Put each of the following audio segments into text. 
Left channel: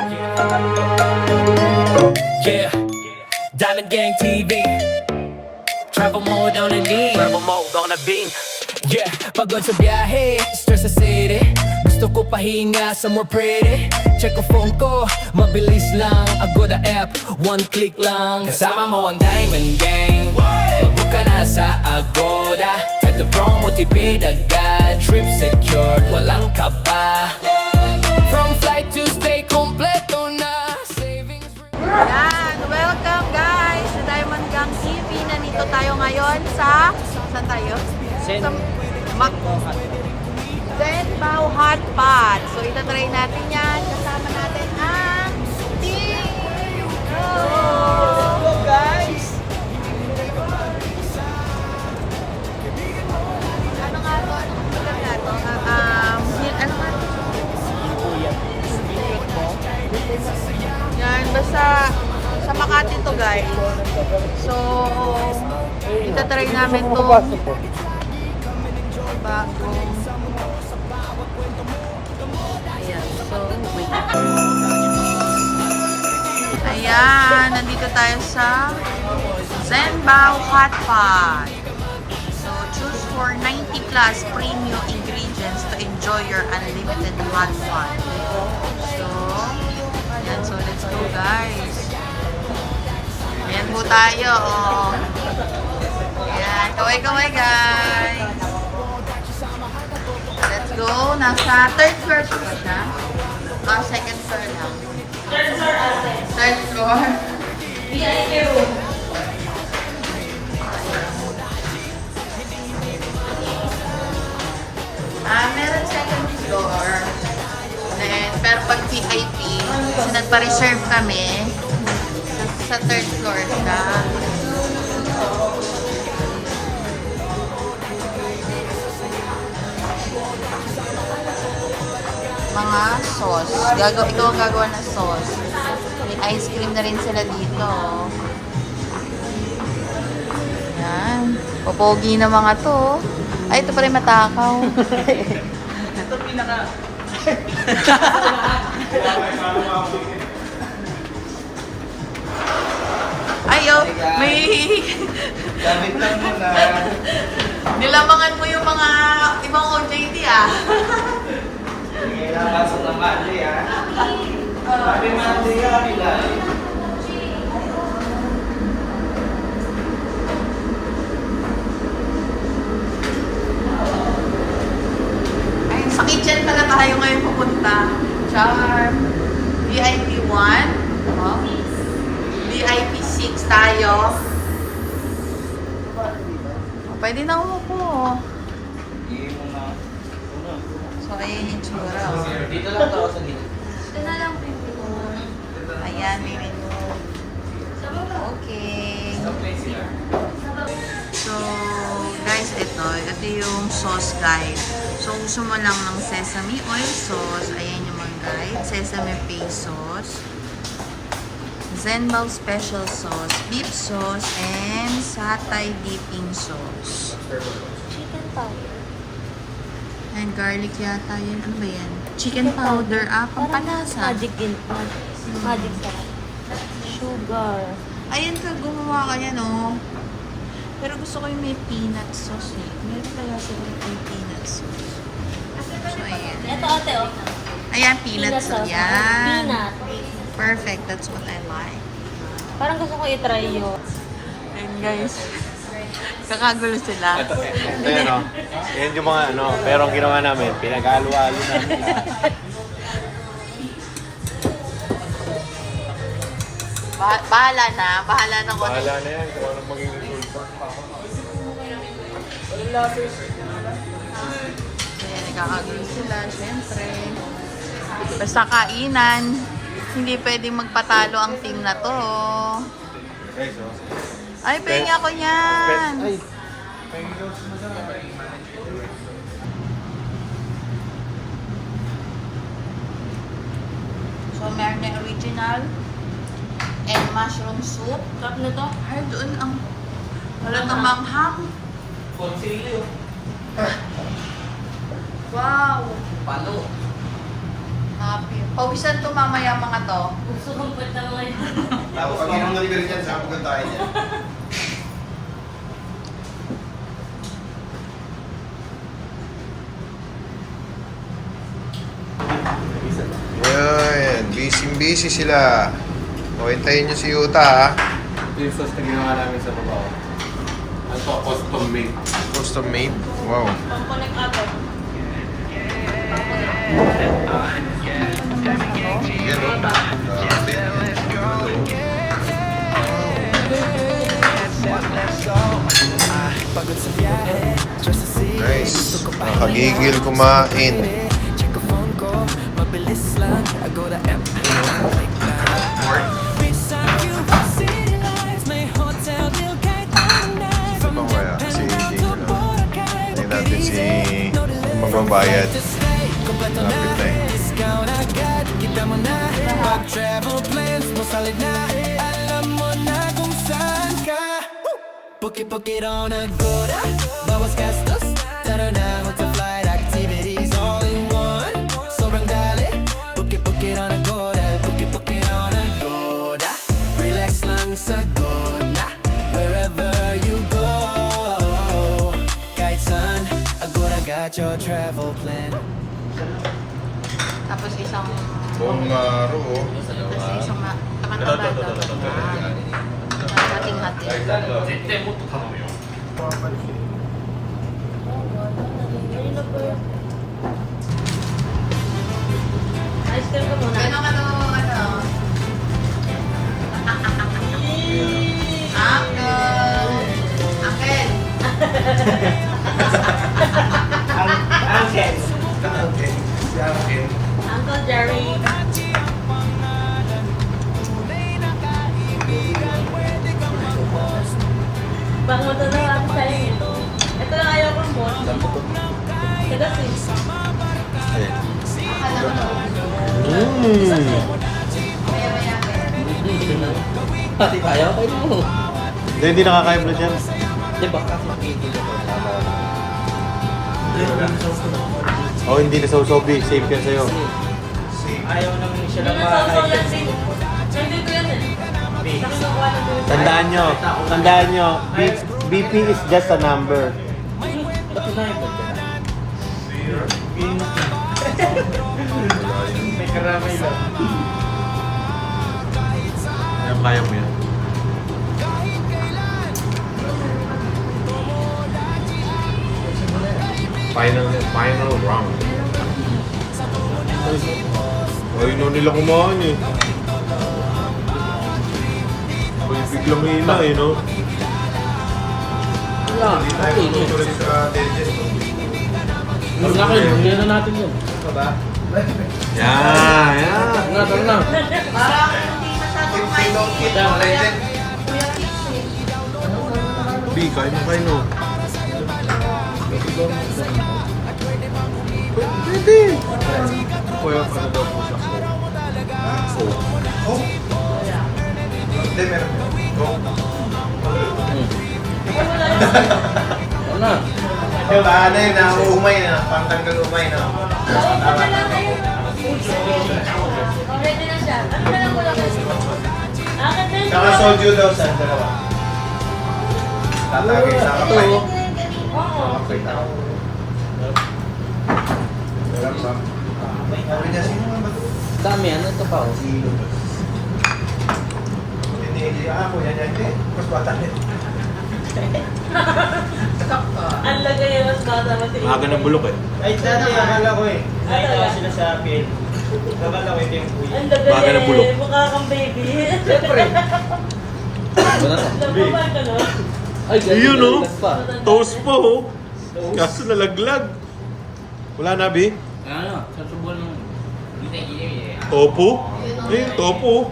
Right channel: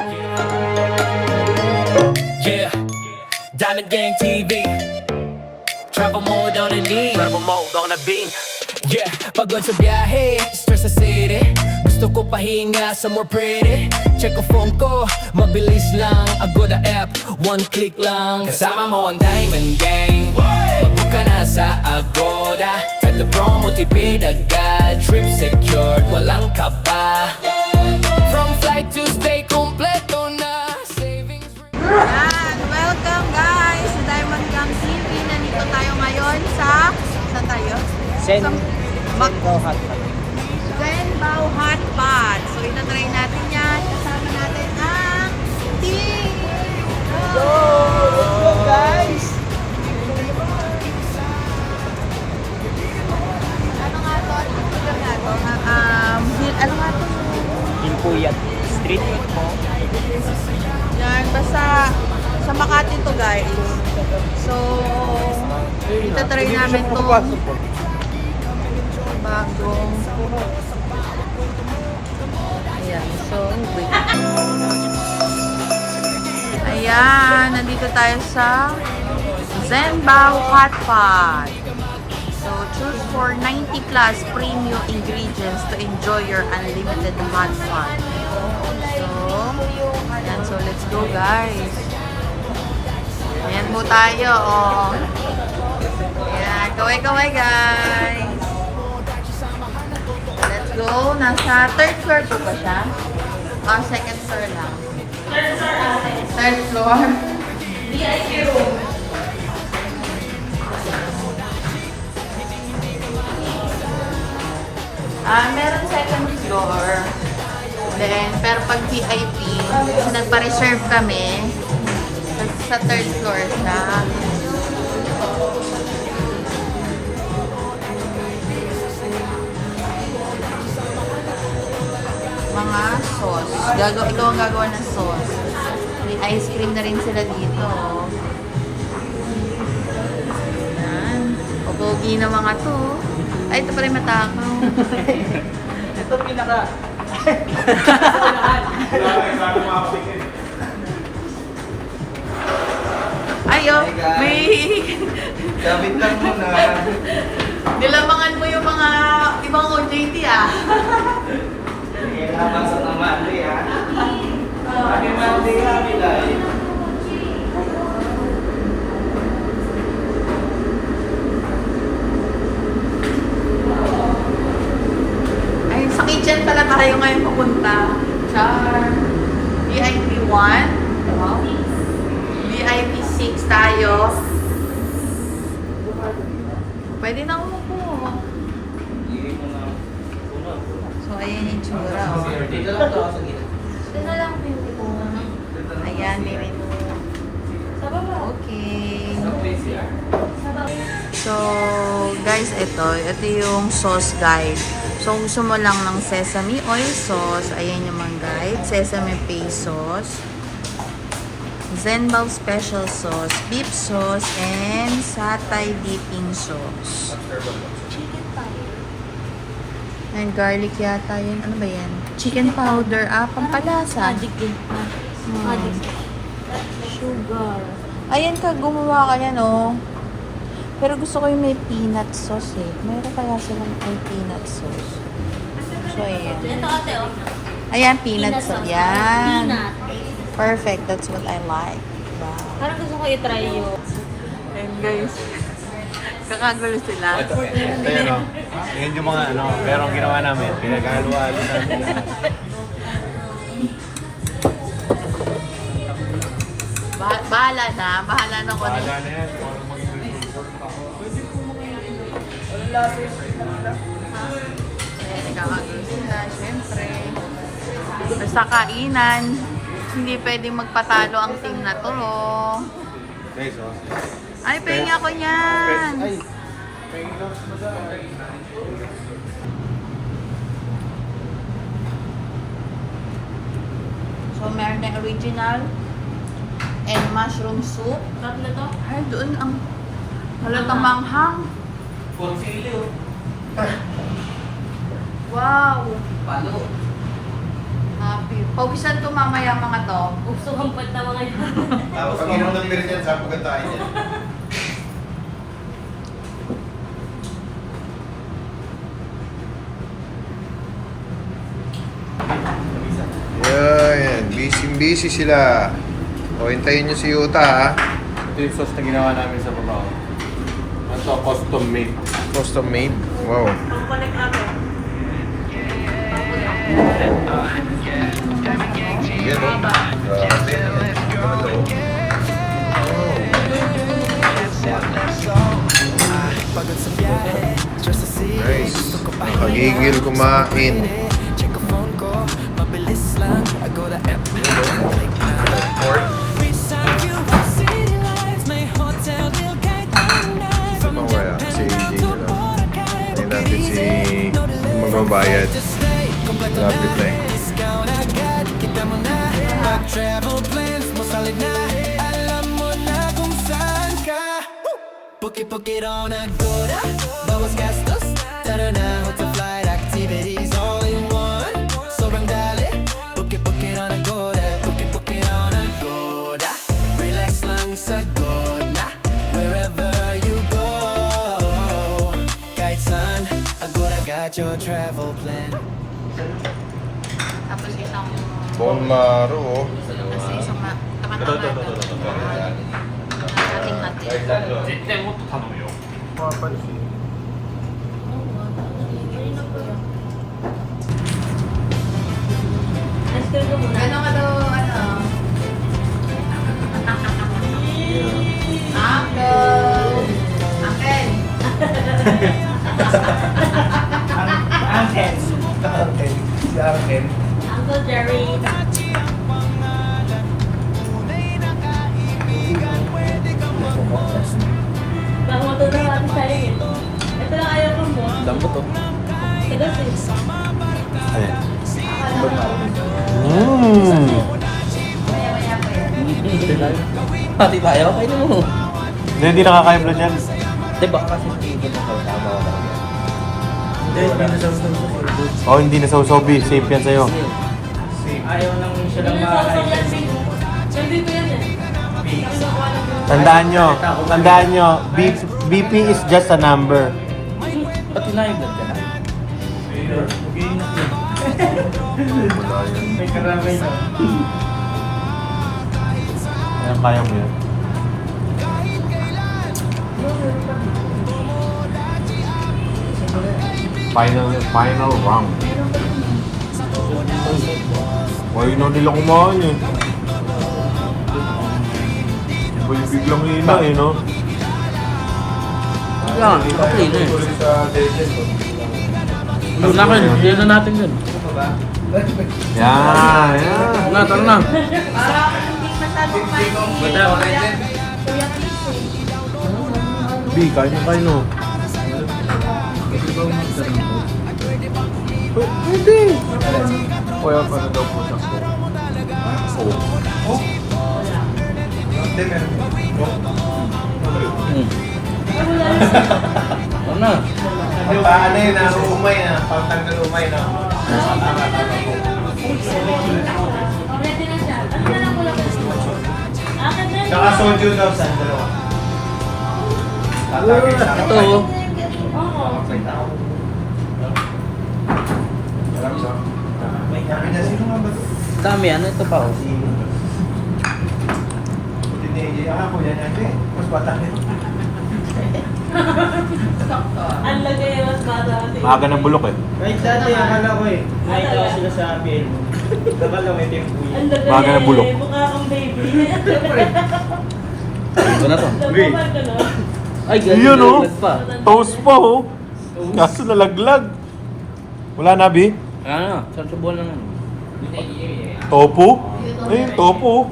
Yeah, Diamond Gang TV. Travel mode on the beam. Travel mode on the beam. Yeah, pagod sa biyahe, stress sa city. Gusto ko pahinga somewhere pretty. Check ko phone ko, mabilis lang. Agoda app, one click lang. Kasama mo ang Diamond Gang. Mag-book ka na sa Agoda. At the promo tipid agad. Trip secured, walang kaba. From flight to stay, kompleto na. Savings. Ayan, welcome guys sa Diamond Gang City. Nandito tayo ngayon sa, saan tayo? Sa Zenbao Hot Pot. So ito try natin yan. Kasama natin ang team. Go! Let's go guys! Ano nga to? Anong lugar nga to? Ano nga to? Kuya, street food po. Yan, basta sa Makati to guys. So, itatry namin to bagong ayan, so wait. Ayan, nandito tayo sa Zenbao Hot Pot. So, choose for 90 plus premium ingredients to enjoy your unlimited hot pot. So, ayan, so let's go guys. Ayan po tayo, oh. Ayan, kaway-kaway guys. Let's go. Nasa third floor po ba siya? Second floor lang. Third floor. Meron second floor. Then, pero pag VIP, kasi nagpa-reserve kami, sa third floor siya. Mga sauce. Ikaw ang gagawa ng sauce. Ice cream na rin sila dito. Yan. Popogi na mga to. Ay, ito pa rin matakaw. Ito pinaka. Ayo, may... Sabit lang mo na. Nilamangan mo yung mga ibang OJT ah. Sige nga, pasok na Monday ha. Happy Monday ha, Pilay. Ay, sa kitchen pala tayo ngayon pupunta. Char. VIP 1. Wow. VIP 6 tayo. Pwede na umupo. So, ayan yung tsura. Oh. Dito lang to sa dito. Ayan, may menu. Okay. So, guys, ito yung sauce guide. So, kung gusto mo lang ng sesame oil sauce, ayan yung mga guide. Sesame paste sauce, Zenbao special sauce, beef sauce, and satay dipping sauce. And garlic yata yun. Ano ba yan? Chicken powder. Pampalasa. Magic sugar. Ayan ka, gumawa ka yan, oh. Pero gusto ko yung may peanut sauce, eh. Mayroon kaya silang may peanut sauce. So, ayan. Ito ate, oh. Ayan, peanut sauce. Yan. Peanut. Perfect. That's what I like. Diba? Parang gusto ko i-try yun. Ayan, guys. Kakagulo sila. Ito yun, no? Yan yung mga ano, pero ang ginawa namin, pinag-halo-halo namin lahat. Bahala na. Bahala na ko. Bahala na yan, pero anong magiging Kakagulo sila, syempre. Basta kainan. Hindi pwedeng magpatalo ang team na to. Guys, oh. Ay, pengi ako niyan. Ay, So, meron na original and mushroom soup. Sarap na to. Ay, doon ang halatang manghang. Consilio. Wow! Palo. Happy. Pawisan to mamaya mga to. Sumumpad na mga yun. Tapos pag inunod ka rin yan, sabi ko tayo niya. Yan, busy sila. O, hintayin nyo si Yuta ha. Ito yung sauce na ginawa namin sa baba. Ano to? Custom made. Custom made. Wow. Pang-connect ako. Yan o. Grabe. Pagod sa biyahe, stress sa city. Nice. Gusto ko pa Nakagigil kumain. Check ang phone ko, mabilis lang. I go to app, like beside you, city lights. May hotel deal kahit anong night. From Ito kaya, si Japan AJ to na lang. Boracay. Ayun natin si magbabayad. Kompleto Lapit na eh. Discount agad, kita mo na. Pag travel plans mo solid na. Alam mo na kung saan ka. Bukit-bukit on Agoda. Bawas gastos, tara na. Hotel flight activities all in one. Sobrang dali. Bukit-bukit on Agoda. Bukit-bukit on Agoda. Relax lang sa Agoda. Wherever you go. Kahit saan, Agoda got your travel plan. Tapos isang... Bong maro. Isang Ice cream ko muna. Ganun ka daw, ano? Uncle! Uncle! Uncle Jerry. Baka matutulungan sa iyo. Ito lang ayaw kong buwan. Ito si... Maya-maya pa yan. Pati tayo? Hindi nakakain na dyan. Diba? Oh, hindi na sausaw-bi. Safe yan sa'yo. Ayaw lang siya lang makakain. Nandito yan eh. Tandaan nyo, BP is just a number. Pati na yun. May karamay na. Ayan, kaya mo yan. Final round. Ay, na nila kumain eh. Biglang hina eh, no? Ano na kayo? Hindi na natin yun. Yeah, yeah. Tama na. Parang hindi masyadong mainit. B, kain na kain, no? Pwede. Kuya, paano daw po na po? Ano? Paano yun, umay na. Pagtanggal umay na. Tama. Ready na siya. Ano na lang muna. Akin na yun. Saka soju daw sa dalawa. Tatagay sa kapay. Oo. Kapay tao. Alam mo? Sabi niya, sino nga ba? Kami, ano ito pa? Si Lucas. Hindi, ako yan. Hindi, mas bata rin. Ang lagay yung mas bata ko. Maaga ng bulok eh. Wait, dati akala ko eh. Nakita sila sa akin. Akala ko ito yung kuya. Ang lagay Baga na bulok. Mukha kang baby. Siyempre. Wala. Nagpapal ka na. Ay, Yun, oh. pa. Toast pa, oh. Kaso nalaglag. Wala na, B? Ano? Sa subuan naman. Tofu? Ay, tofu.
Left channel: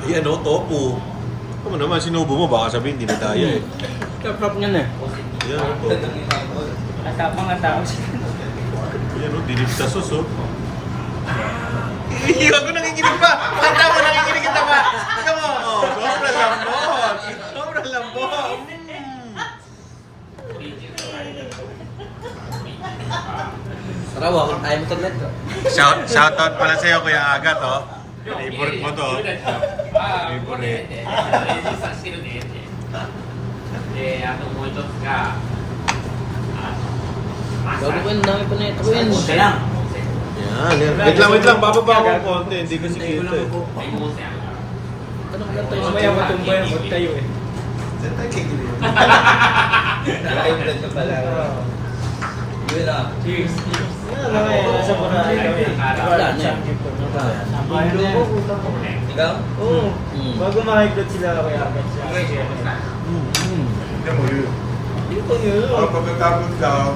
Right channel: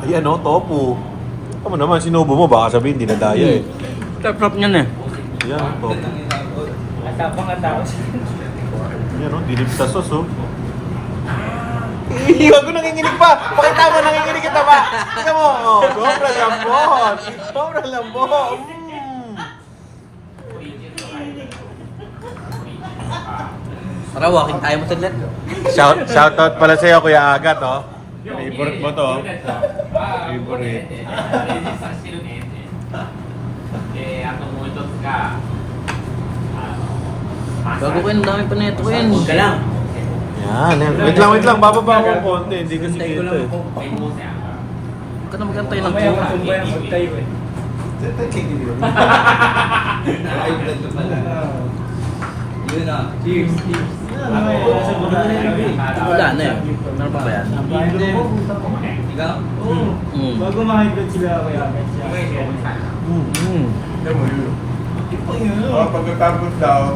Ay, ano, tofu. Tama naman, sinubo mo, baka sabihin, hindi na tayo eh. Sarap niyan eh. Yan, oh, tofu. Atapang atapos. Yan, oh, dinig sa sauce, oh. Iya, ako nanginginig pa! Pakita mo, nanginginig kita pa! Ito mo, oh, sobrang lambot! Sobrang lambot! Tara, walking time ka dyan. Shoutout pala sa'yo, Kuya Agat, oh. Favorite mo to. Favorite. Bago ko yun, nakita na ito yan. Huwag ka lang. Wait lang. Bababa ako ng konti. Hindi ko sige ito. Huwag ka na magantay lang. Mamaya matumbo yan, huwag tayo eh. Wala na eh. Ano pa ba yan? Bago makikita sila, kaya Pagkatapos daw,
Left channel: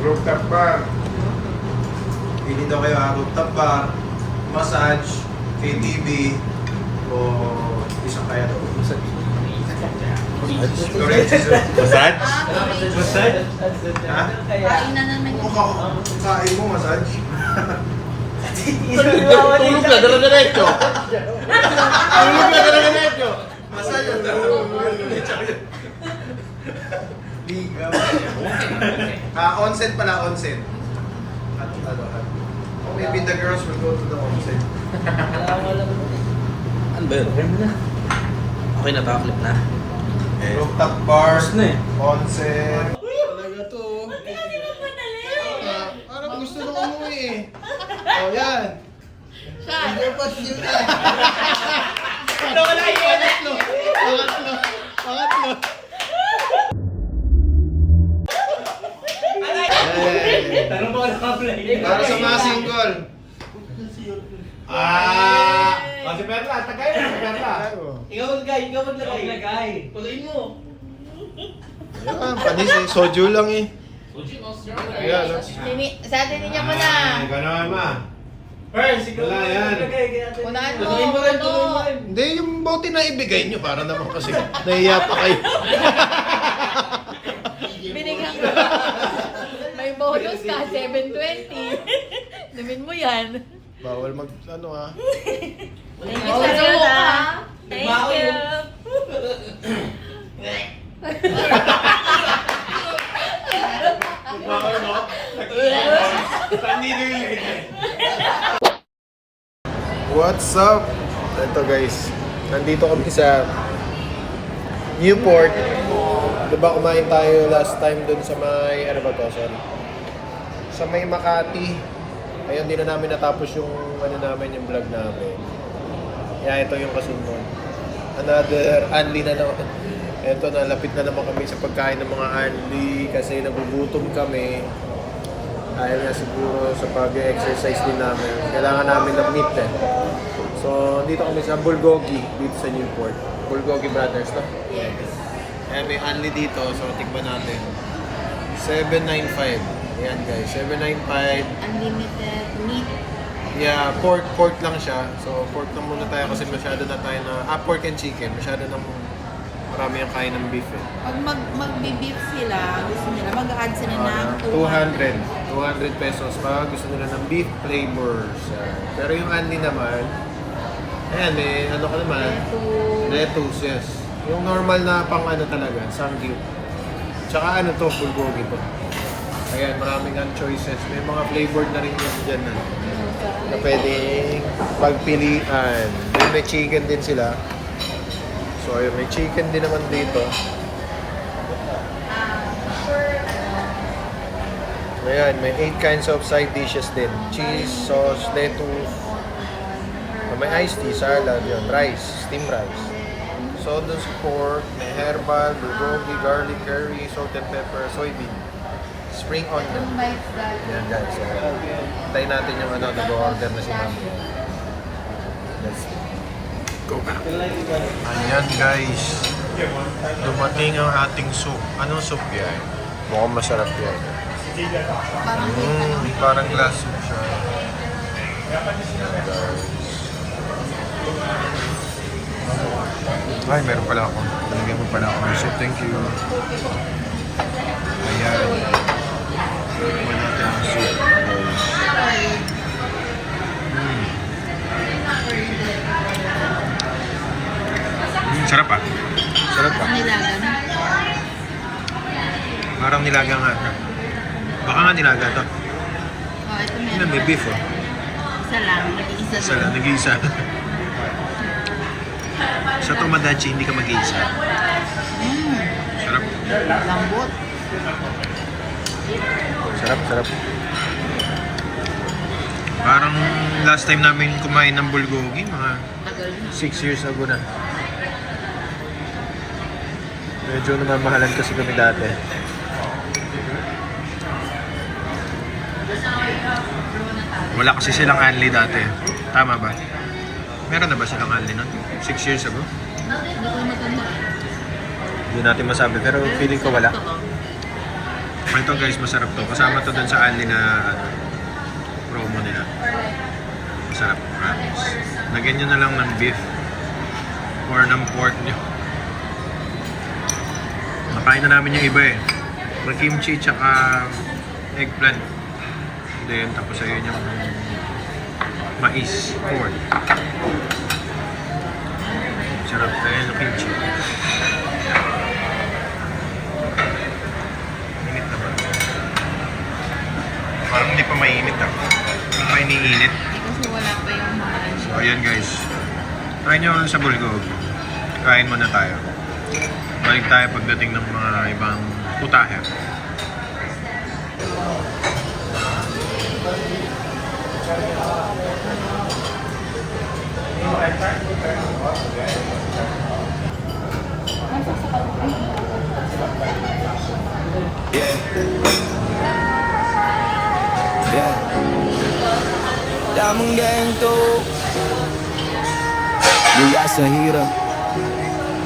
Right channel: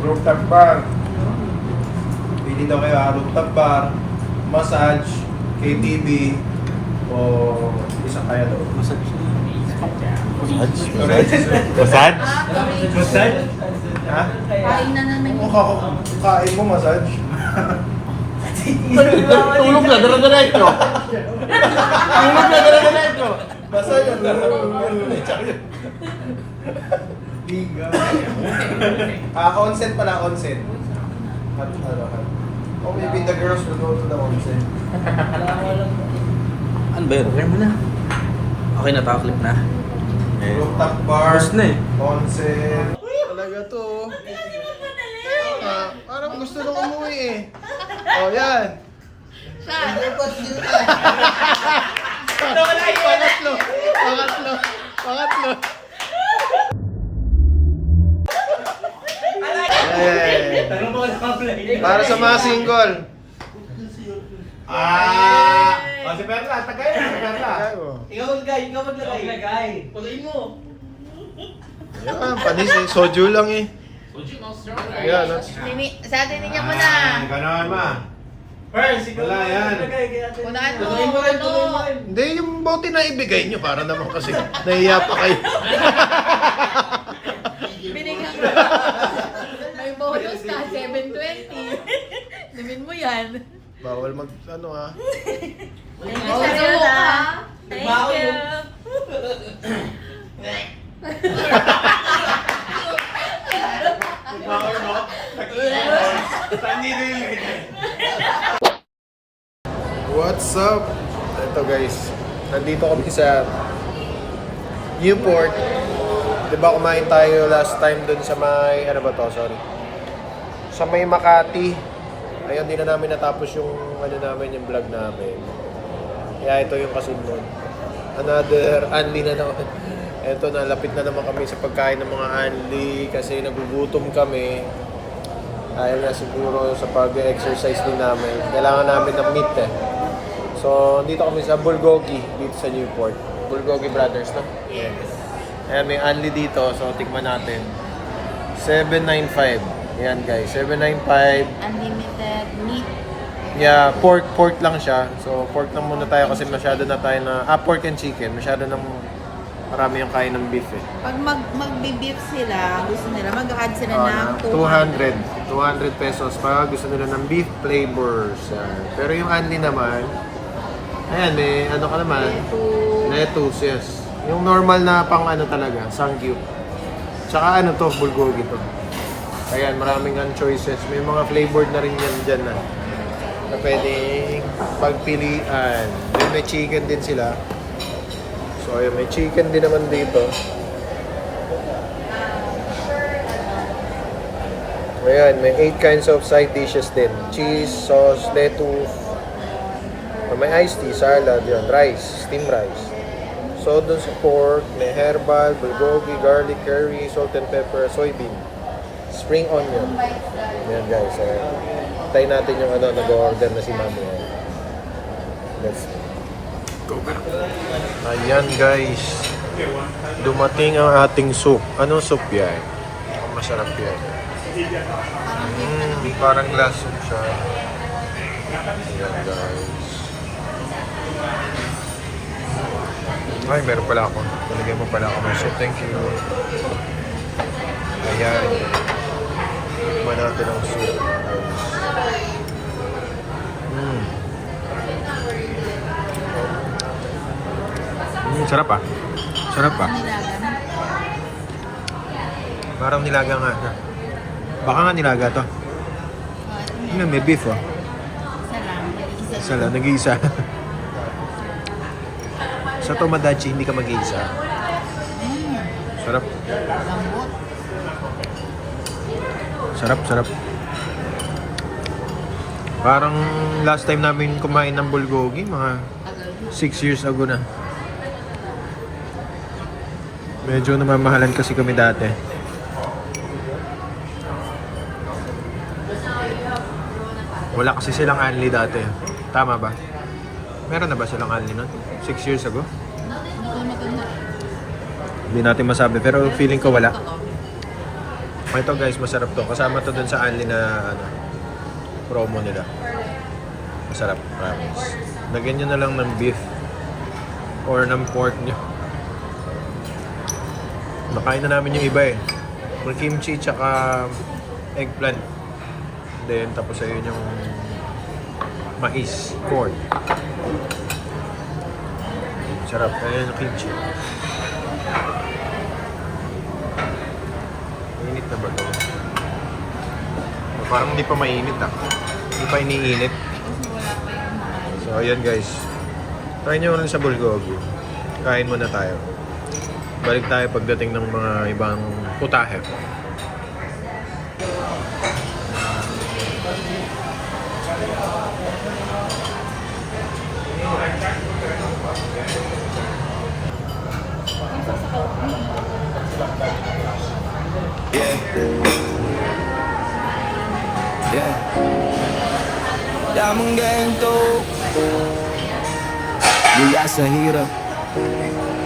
rooftop bar. Pili daw kayo rooftop bar, massage, KTV, o isang kaya daw. Massage? Massage? Ha? Kain na naman Kung kain mo, massage. Tulog na, dala na ito. Massage ang consent pala, consent. Oh, maybe the girls will go to the consent. Ano ba yun? Okay mo na. Okay na, tapos na. Rooftop bar, na eh. consent. Talaga to. Parang gusto nung umuwi eh. Oh, yan. Pangatlo. Tanong mo ka nakaplay. Para sa mga single. Si Perla, tagay na, si Perla. Ikaw maglagay. Tuloy mo. Yan, panis eh. Soju lang eh. Ayan, no? Sa atin niya mo na. Gano'n, ma. Wala yan. Unahan mo. Tuloy mo rin, tuloy mo rin. Hindi, yung bote na ibigay nyo para naman kasi nahiya pa kayo. Binigyan ko. May bonus ka, 720. Namin mo yan. Bawal mag, ano ha. Thank you sa'yo ha. Thank you. What's up? Ito guys, nandito kami sa Newport. Diba kumain tayo last time dun sa may, ano ba to, sorry? Sa may Makati. Ayun, di na namin natapos yung, ano namin, yung vlog namin. Yeah, ito yung kasimon. Another Anli na naman. Ito, nalapit na naman kami sa pagkain ng mga Anli kasi nagugutom kami. Dahil nga siguro sa pag-exercise din namin, kailangan namin ng meat eh. So, dito kami sa Bulgogi, dito sa Newport. Bulgogi Brothers, no? Yes. Ayan, may Anli dito, so tingnan natin. 795. Ayan guys, 795. unlimited meat. Yeah, pork lang siya. So, pork lang muna tayo kasi masyado na tayo na, pork and chicken. Masyado nang marami ang kain ng beef eh. Pag magbe-beef sila, gusto nila, mag-add sila ng 200 pesos pa. Gusto nila ng beef flavors. Pero yung Anli naman, ayan, may ano ka naman? Lettuce, yes. Yung normal na pang ano talaga, sangyup. Tsaka ano to, bulgogi to. Ayan, maraming ang choices. May mga flavored na rin yan dyan na pwedeng pagpilian. Then may chicken din sila. So ayun, may chicken din naman dito. Ayan, may 8 kinds of side dishes din. Cheese, sauce, lettuce. May iced tea, salad, yun, rice, steamed rice. So dun sa pork, may herbal, bulgogi, garlic, curry, salt and pepper, soybean, spring onion. Yan guys, so tayo natin yung ano, nag-order na si Mami. Let's go back. Ayan guys, dumating ang ating soup. Anong soup yan? Mukhang masarap yan. Parang glass soup siya. Ayan guys. Ay, meron pala ako. Talagyan mo pala ako ng soup. Thank you. Ayan. Tikman natin ang soup. Sarap ah. Sarap ah. Nilagan. Parang nilaga nga. Baka nga nilaga to. Oh, ito Yan, may beef oh. Isa lang. Nag-iisa Isa lang, nag-iisa. Sa Tomodachi, hindi ka mag-iisa. Sarap. Lambot. Sarap. Parang last time namin kumain ng bulgogi, mga Tagal na. 6 years ago na. Medyo namamahalan kasi kami dati. Wala kasi silang Anli dati. Tama ba? Meron na ba silang Anli nun? 6 years ago? Hindi ko matanda. Hindi natin masabi, pero feeling ko wala. Ito guys, masarap to. Kasama to dun sa Anli na promo nila. Masarap, promise. Lagyan nyo na lang ng beef or ng pork nyo. Nakain na namin yung iba eh. May kimchi tsaka eggplant. Then tapos ayun yung mais, corn. Sarap. Ayun yung kimchi. Init na ba ito? Parang hindi pa mainit ah. Hindi pa iniinit. Kasi wala pa yung mga So ayan guys. Try nyo ulit sa bulgogi. Kain muna tayo. Balik tayo pagdating ng mga ibang putahe. Yeah. Yeah. Damang ganito mula sa hirap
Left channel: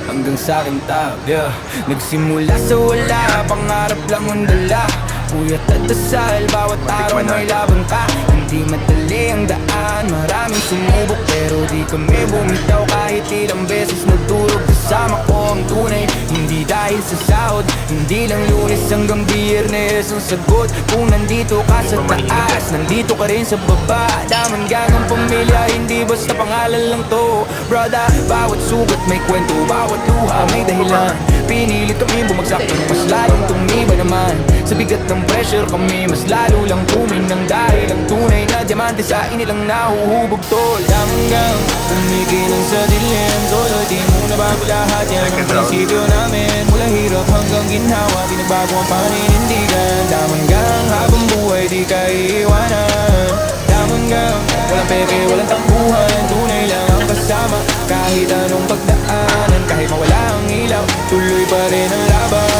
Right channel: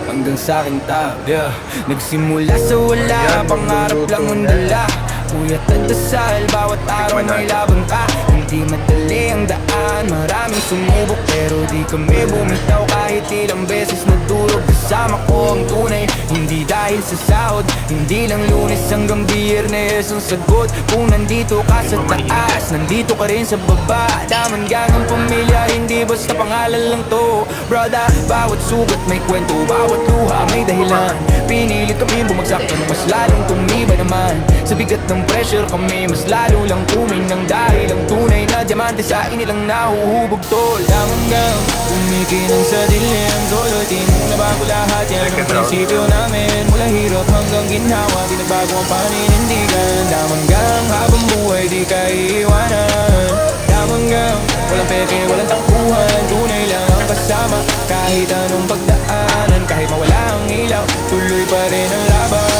hanggang sa aking tab, yeah. Nagsimula sa wala, pangarap lang ang dala. Puyat at dasal, bawat araw may laban ka. Hindi madali ang daan, maraming sumubok pero di kami bumitaw. Kahit ilang beses nadurog, kasama ko ang tunay. Hindi dahil sa sahod, hindi lang Lunes hanggang Biyernes ang sagot. Kung nandito ka sa taas, nandito ka rin sa baba. Daman gangang pamilya, hindi basta pangalan lang to. Brother, bawat sugat may kwento, bawat luha may dahilan. Pinilit kami bumagsak ng mas lalong tumiba naman. Sa bigat ng pressure kami, mas lalo lang kuminang. Dahil ang tunay na diamante sa inilang nahuhubog tol. Hanggang kumikinang sa dilim, solo di muna bago lahat. Yan ang prinsipyo namin, mula hirap hanggang ginhawa. Di nagbago ang paninindigan. Damanggang habang buhay di ka iiwanan. Damanggang walang peke, walang takbuhan. Tunay lang ang kasama kahit anong pagdaanan. Kahit mawala ang ilaw, tuloy pa rin ang laban.